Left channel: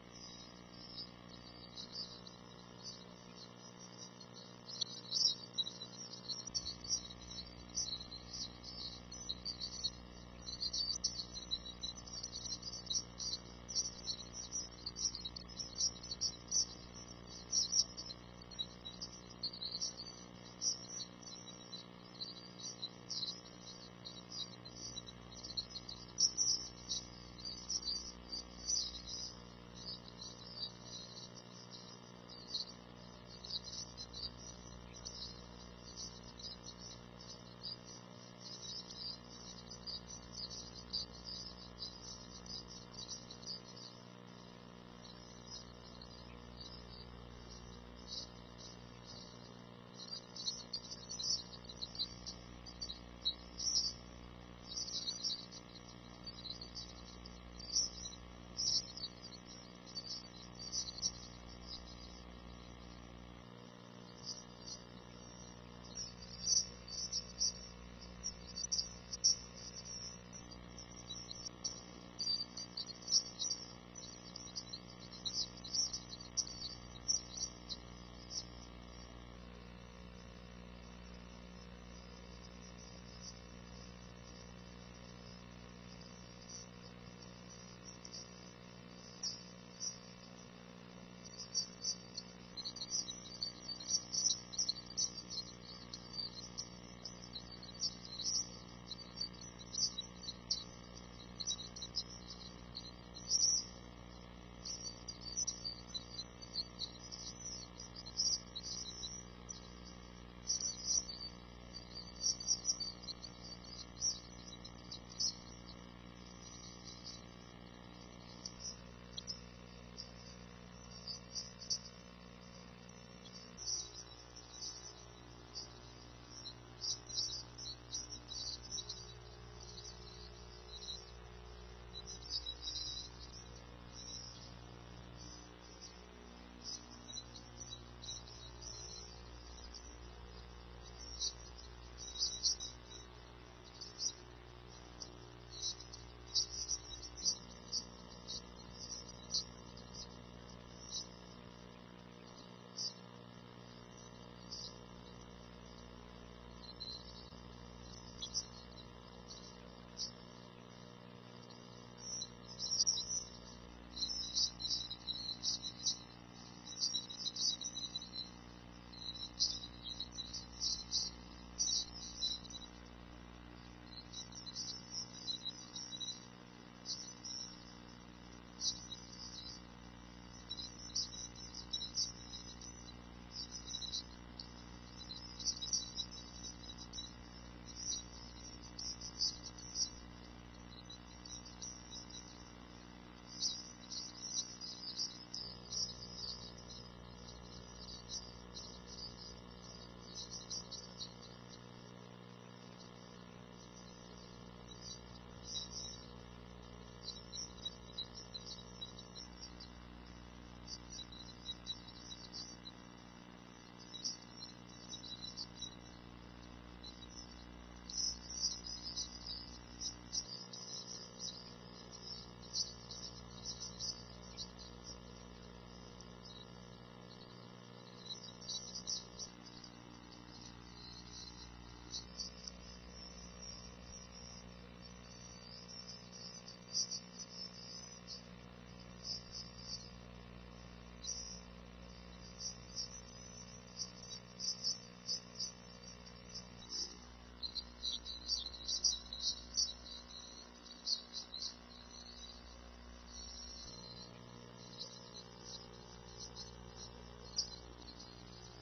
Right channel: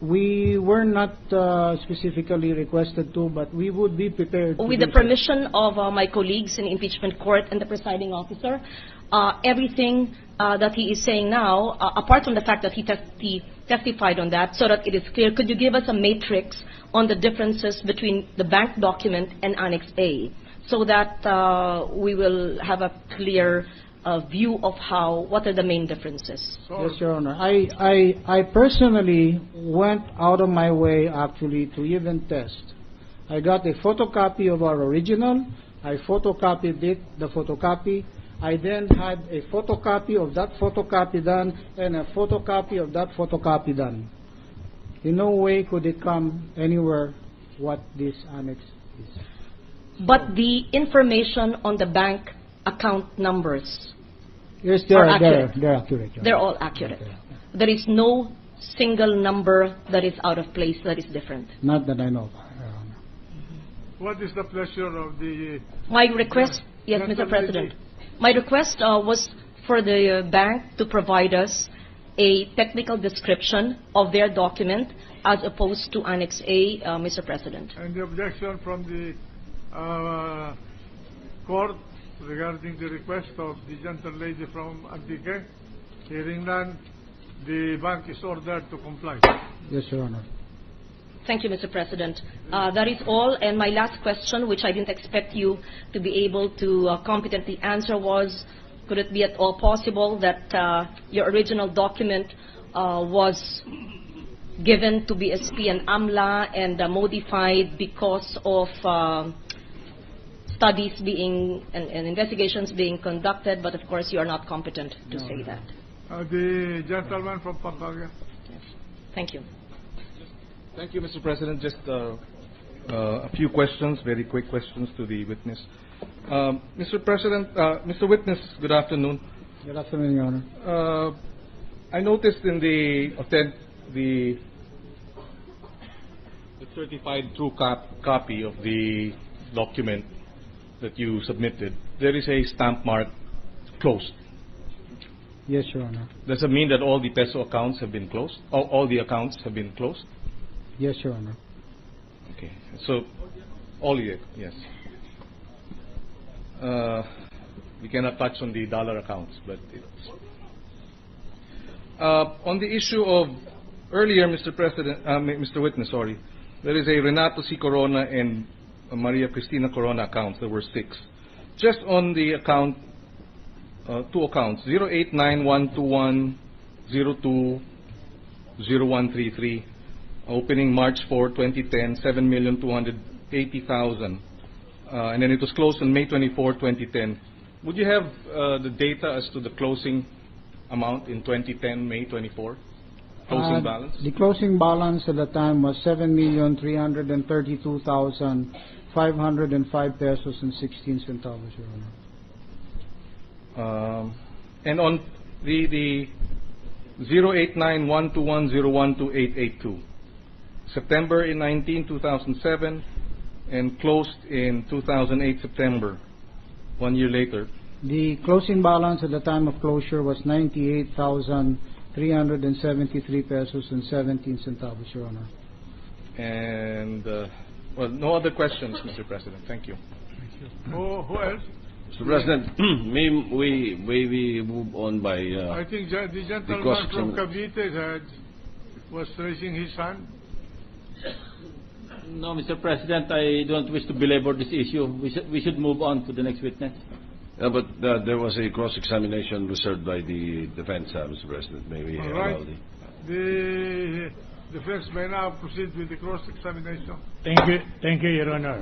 We were not specifically requested to, but we would be prepared to With do the so. permission of my colleagues in the impeachment court and the presiding officer, everything that he is saying now, apart from the fact that he testified on that, so that it is clear, could you give us a matrix on the differences between the bank document and Annex A, so that we will have a clear view of what are the main differences? Yes, Your Honor. I personally went out of my way actually to even test. I got a photocopy of our original. I photocopied it, the photocopy. I then had a photocopy of that photocopy done and a photocopy of that photocopy done. In no way could it come anywhere what this annex is. But the information on the bank account numbers, Yes, they're accurate. They're all accurate. There is no single number that is out of place, that is different. Not that I know. What is the pleasure of the... My request, yes, Mr. President. My request was for the bank to provide us a technical description of their document as opposed to Annex A, Mr. President. And the objection from the court regarding the request of the gentle lady from Antique? Hearing none, the bank is ordered to comply. Yes, Your Honor. Thank you, Mr. President. That is all. And my last question, which I didn't expect you to be able to competently answer, was, could it be at all possible that your original document was given to BSP and AMLA and modified because of studies being and investigations being conducted, but of course you are not competent to say that? The gentleman from Pampanga. Yes. Thank you. Thank you, Mr. President. Just a few questions, very quick questions to the witness. Mr. President, Mr. Witness, good afternoon. Good afternoon, Your Honor. I noticed in the certified true copy of the document that you submitted, there is a stamp mark closed. Yes, Your Honor. Does it mean that all the peso accounts have been closed? All the accounts have been closed? Yes, Your Honor. Okay, so all of it, yes. We cannot touch on the dollar accounts, but it's on the issue of earlier, Mr. President, Mr. Witness, sorry, there is a Renato C. Corona and Maria Cristina Corona accounts. There were 6. Just on the account, 2 accounts, 0891121020133. Opening March 4, 2010, 7,280,000, and then it was closed on May 24, 2010. Would you have the data as to the closing amount in 2010, May 24, closing balance? The closing balance at the time was 7,332,505 pesos and 16 centavos, Your Honor. And on the 0891210128882. September 19, 2007, and closed in 2008 September, 1 year later. The closing balance at the time of closure was 98,373 pesos and 17 centavos, Your Honor. And well, no other questions, Mr. President. Thank you. Who else? Mr. President, may we move on by I think the gentleman from Cavite was raising his hand. No, Mr. President, I don't wish to belabor this issue. We should move on to the next witness. but there was a cross-examination reserved by the defense, Mr. President. May we allow the defense may now proceed with the cross-examination. Thank you, Your Honor.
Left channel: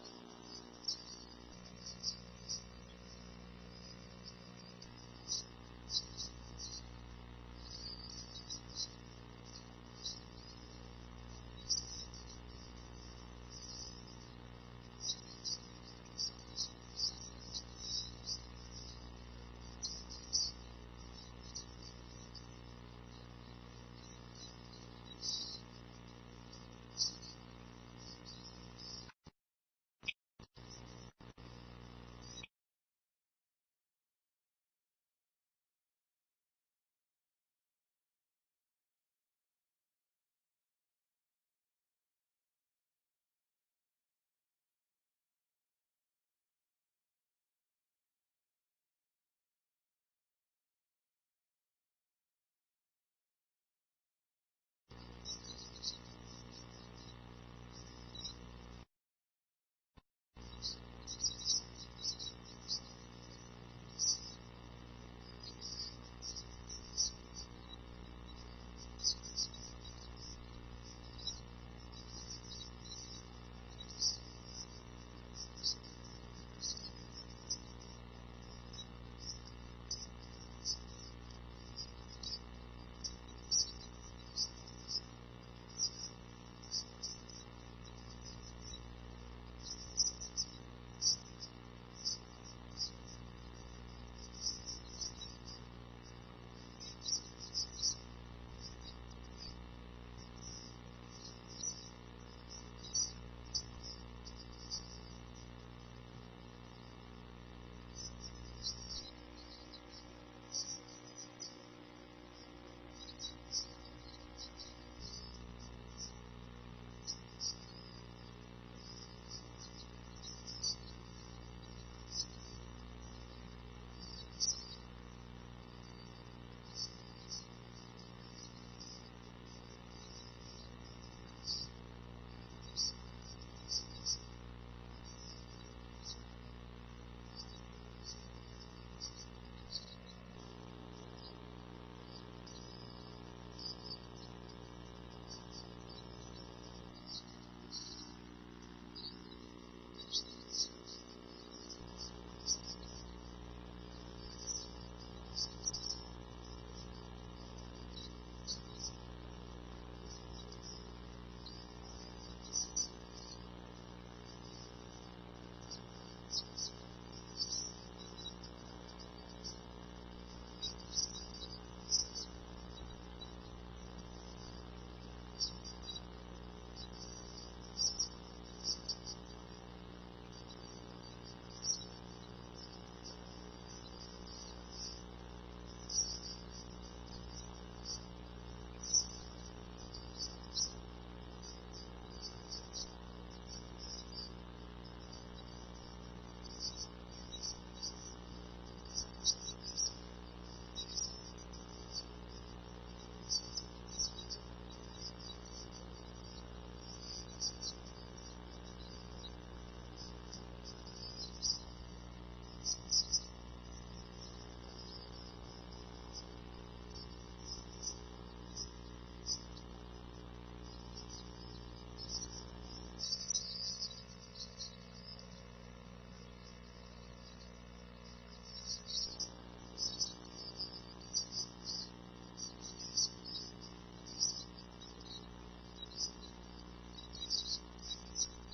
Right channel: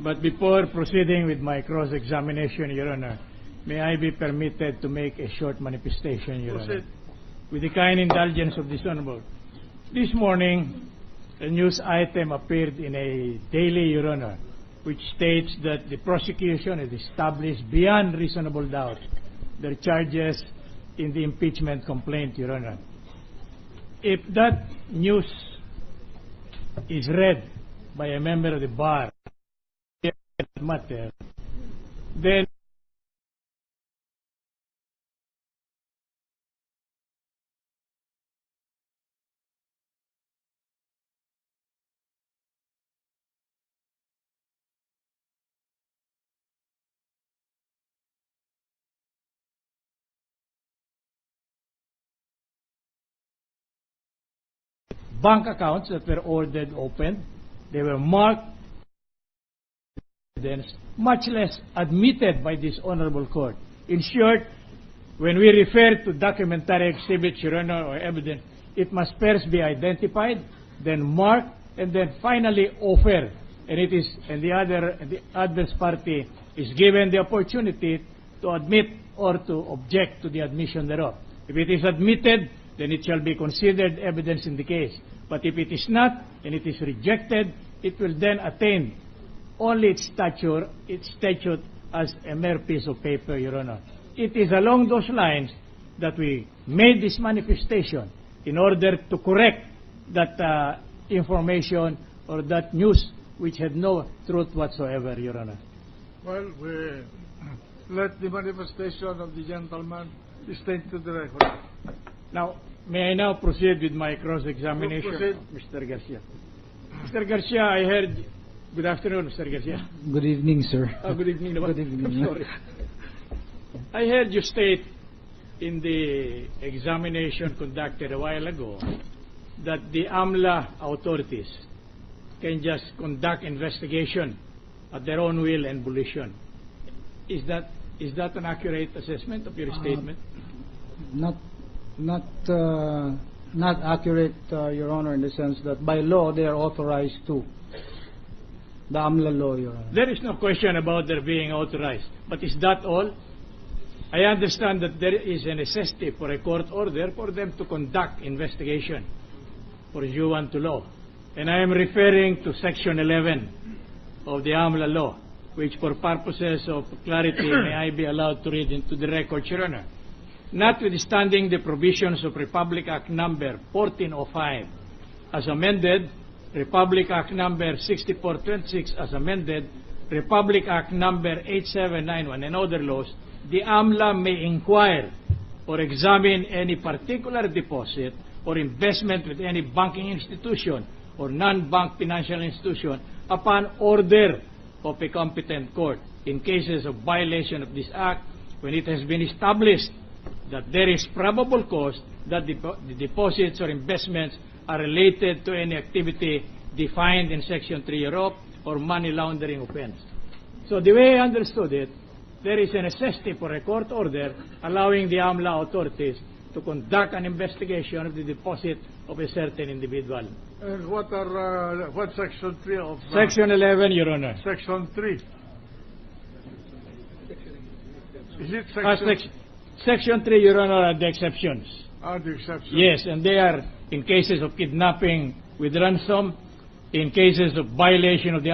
But before proceeding with my cross-examination, Your Honor, may I be permitted to make a short manifestation, Your Honor? With the kind indulgence of this Honorable. This morning, a news item appeared in a daily, Your Honor, which states that the prosecution has established beyond reasonable doubt their charges in the impeachment complaint, Your Honor. If that news is read by a member of the bar matter, then bank accounts that were ordered opened. They were marked, much less admitted by this honorable court. In short, when we refer to documentary exhibits, Your Honor, or evidence, it must first be identified, then marked, and then finally offered. And the adverse party is given the opportunity to admit or to object to the admission thereof. If it is admitted, then it shall be considered evidence in the case. But if it is not, and it is rejected, it will then attain only its statute as a mere piece of paper, Your Honor. It is along those lines that we made this manifestation in order to correct that information or that news which had no truth whatsoever, Your Honor. Well, we let the manifestation of the gentleman be stated to the record. Now, may I now proceed with my cross-examination? Proceed. Mr. Garcia. Mr. Garcia, I heard... Good afternoon, Mr. Garcia. Good evening, sir. Good evening. Good evening. I'm sorry. I heard you state in the examination conducted a while ago that the AMLA authorities can just conduct investigation at their own will and volition. Is that an accurate assessment of your statement? Not accurate, Your Honor, in the sense that by law they are authorized to. The AMLA law, Your Honor. There is no question about their being authorized. But is that all? I understand that there is a necessity for a court order for them to conduct investigation pursuant to law. And I am referring to Section 11 of the AMLA law, which for purposes of clarity may I be allowed to read into the record, Your Honor. Notwithstanding the provisions of Republic Act number 1405 as amended, Republic Act number 6426 as amended, Republic Act number 8791 and other laws, the AMLA may inquire or examine any particular deposit or investment with any banking institution or non-bank financial institution upon order of a competent court in cases of violation of this act when it has been established that there is probable cause that the deposits or investments are related to any activity defined in Section 3 thereof or money laundering offense. So the way I understood it, there is a necessity for a court order allowing the AMLA authorities to conduct an investigation of the deposit of a certain individual. And what Section 3 of... Section 11, Your Honor. Section 3. Is it Section 3, Your Honor, are the exceptions. Are the exceptions? Yes, and they are in cases of kidnapping with ransom, in cases of violation of the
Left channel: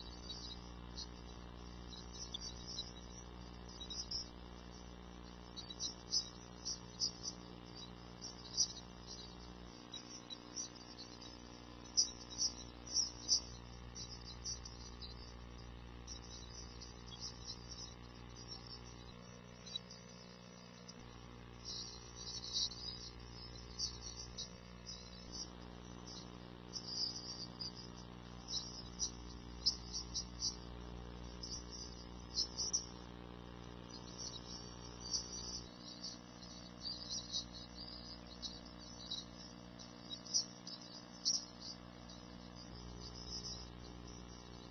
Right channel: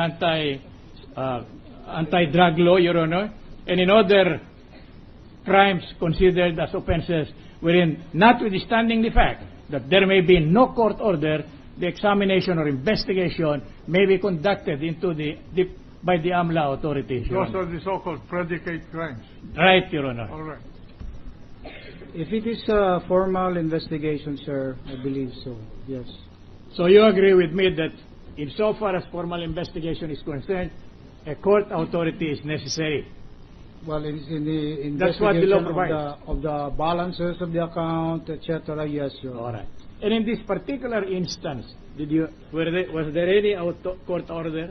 anti-drug law, Your Honor, and in other crimes considered as offenses wherein, notwithstanding the fact that there may be no court order, the examination or investigation may be conducted by the AMLA authorities. Those are the so-called predicate crimes. Right, Your Honor. All right. If it is a formal investigation, sir, I believe so, yes. So you agree with me that insofar as formal investigation is concerned, a court authority is necessary? Well, it is in the That's what the law investigation provides. of the balances of the account, etc. Yes, Your Honor. All right. And in this particular instance, was there any court order?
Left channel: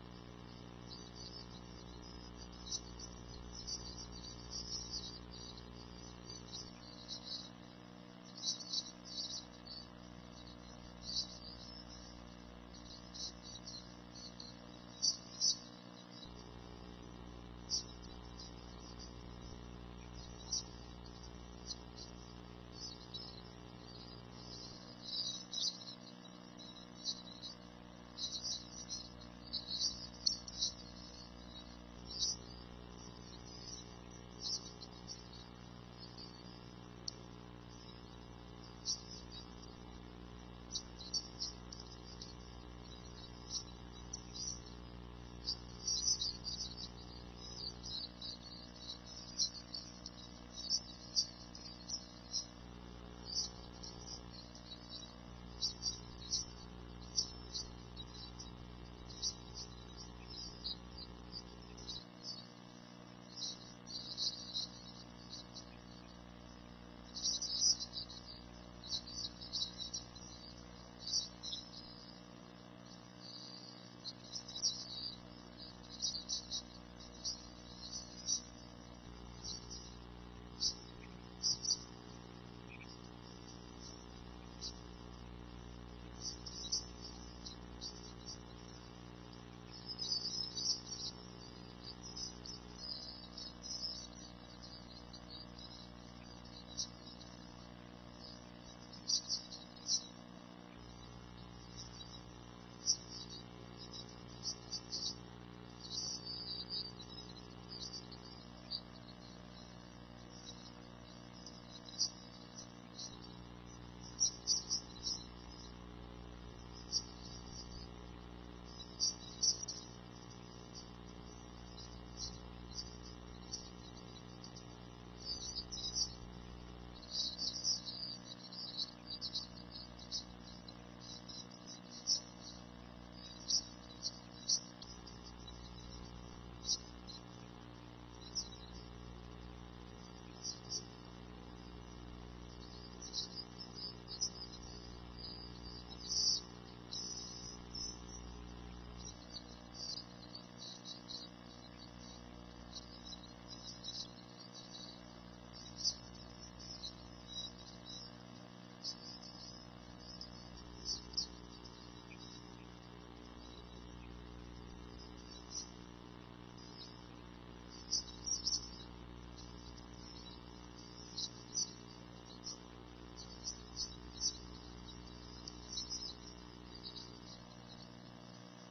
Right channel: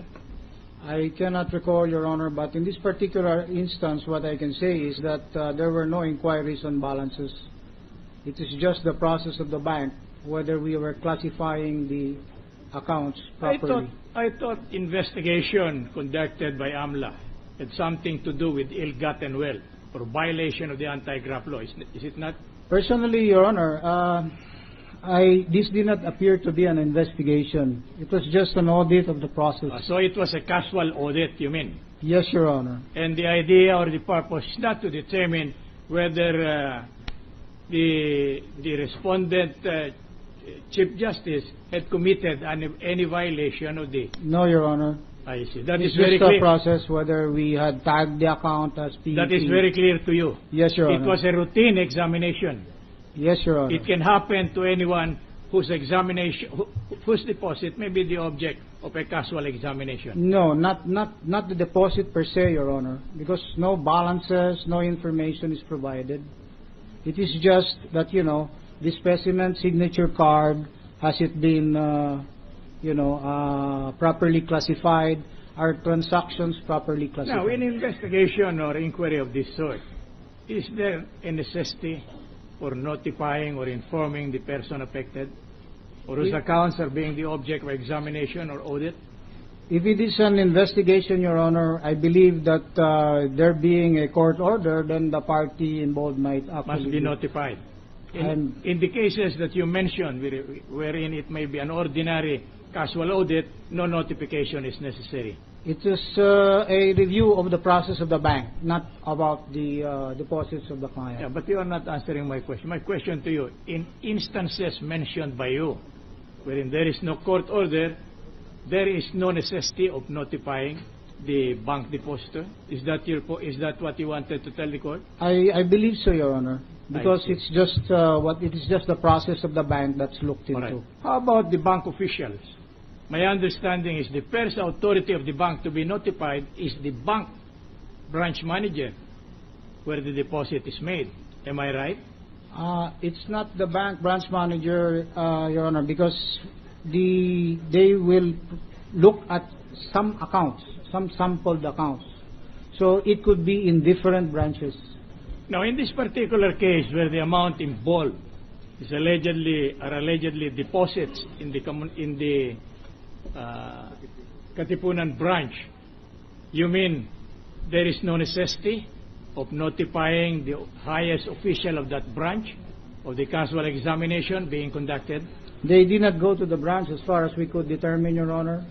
I cannot recall, Your Honor, but in this particular instance, what I can say is that there were no inquiries on balances. It is just the process of the bank, whether we were classifying the accounts properly. I thought investigation conducted by AMLA had something to do with ill-gotten wealth or violation of the anti-graft law. Is it not? Personally, Your Honor, this did not appear to be an investigation. It was just an audit of the process. So it was a casual audit, you mean? Yes, Your Honor. And the idea or the purpose is not to determine whether the respondent Chief Justice had committed any violation of the... No, Your Honor. I see. That It's is very just clear. a process whether we had tagged the account as PEP. That is very clear to you. Yes, Your Honor. It was a routine examination. Yes, Your Honor. It can happen to anyone whose examination, whose deposit may be the object of a casual examination. No, not the deposit per se, Your Honor, because no balances, no information is provided. It is just that, the specimen signature card Has it been, properly classified? Are transactions properly classified? Now, in investigation or inquiry of this sort, is there a necessity for notifying or informing the person affected, or whose accounts are being the object of examination or audit? If it is an investigation, Your Honor, I believe that there being a court order, then the party involved might actually Must be notified. In the cases that you mentioned, wherein it may be an ordinary casual audit, no notification is necessary. It is a review of the process of the bank, not about the deposits of the client. Yeah, but you are not answering my question. My question to you, in instances mentioned by you, wherein there is no court order, there is no necessity of notifying the bank depositor. Is that what you wanted to tell the court? I believe so, Your Honor, because see. it's just it is just the process of the bank that's looked All right. into. How about the bank officials? My understanding is the first authority of the bank to be notified is the bank branch manager, where the deposit is made. Am I right? It's not the bank branch manager, Your Honor, because they will look at some accounts, some sampled accounts. So it could be in different branches. Now, in this particular case, where the amount involved is allegedly deposits in the Katipunan branch, you mean there is no necessity of notifying the highest official of that branch of the casual examination being conducted? They did not go to the branch as far as we could determine, Your Honor,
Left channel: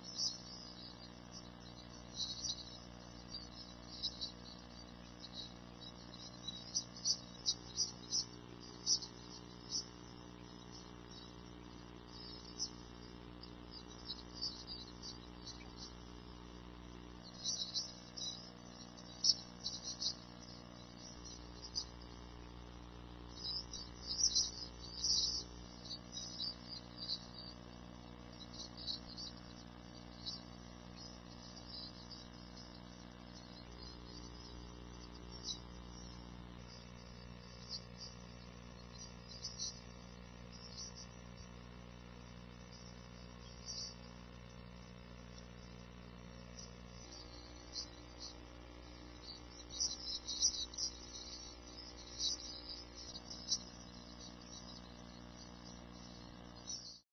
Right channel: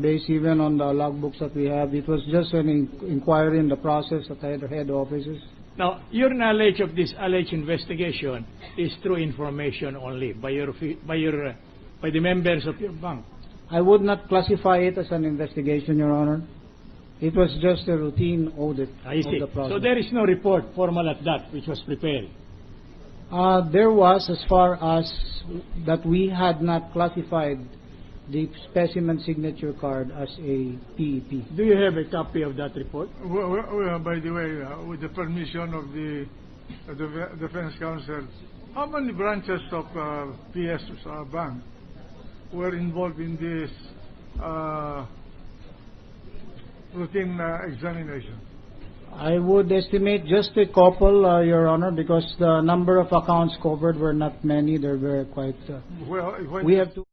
based even on the logbooks that we have. It was just an inquiry in the process at the head offices. Now, your knowledge of this alleged investigation is through information only by the members of your bank. I would not classify it as an investigation, Your Honor. It was just a routine audit I see. of the process. So there is no report formal at that which was prepared. There was, as far as that we had not classified the specimen signature card as a PEP. Do you have a copy of that report? Well, by the way, with the permission of the Defense Counsel, how many branches of PS Bank were involved in this routine examination? I would estimate just a couple, Your Honor, because the number of accounts covered were not many. There were quite. Well, when We have to.